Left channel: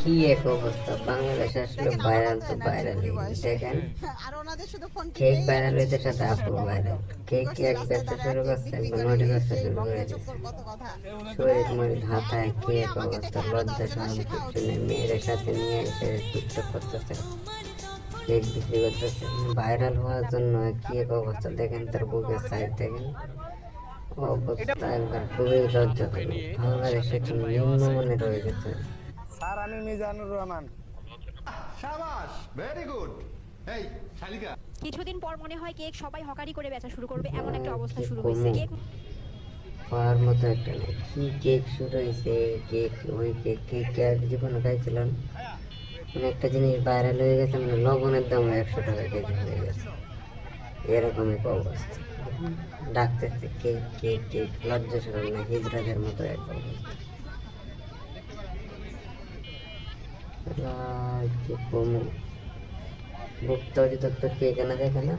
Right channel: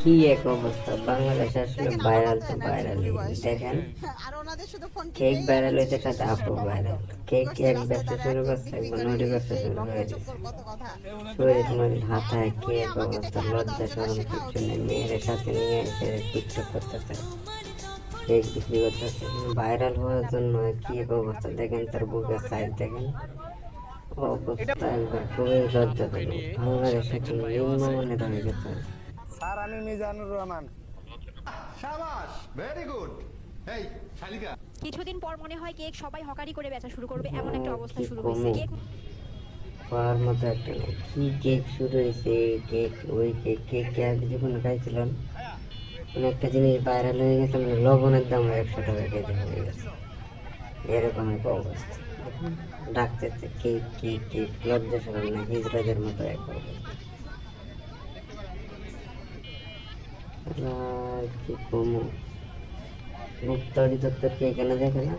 কি এক অবস্থা, বাংলাদেশ আসলে ভাইরাল তো ভাইরাল। দেখেন কেক ভাইরাল হইতে সাথে আপু ভাইরাল। কেক এক ব্যবসা শুরু করছে, নুডি ব্যবসা শুরু করে দিচ্ছে। শরীর মন ধাতায় কি এক অবস্থা, লজ্জা শরম কিচ্ছু নেই, মেয়েদের সাথে নিয়ে এসে টিকটক করতেছে, কেক বিক্রি করতেছে। ভাইরাল হওয়ার জন্য কি এক অবস্থা, দেখেন তার বুকের সাইড দেখেন, অবস্থা একবার খুবই লজ্জা। বাংলাদেশে কি নিম্নমানের হয়ে গেছে। স্যার, আমি মিজানুর রহমান। শাবাশ, ভেরি গুড। এই শালিকা, কিছুদিন পর মনে হয় কেক সবাই হকারি করে বেচা শুরু করবে, এমন একটা অবস্থা কি শুরু হয়েছে। কমু, কেক পাওয়ার মতো একটা না। কি কেক শুরু হয়েছে, কেক ওই কেক, কেক এক জীবনে খাইছিলাম। মানে একটা জিনিস ভাইরাল হয়ে গেছে, মানে লবণের দাম 100 টাকা কেজি হয়ে গেছে, এরকম একটা অবস্থা। ডাকতেছে কেক কেক কেক, লজ্জা সরম না, হিজড়াদের মতো একদম। কি কমু, বুক তরি তত্তর কেক এনে দেখে না।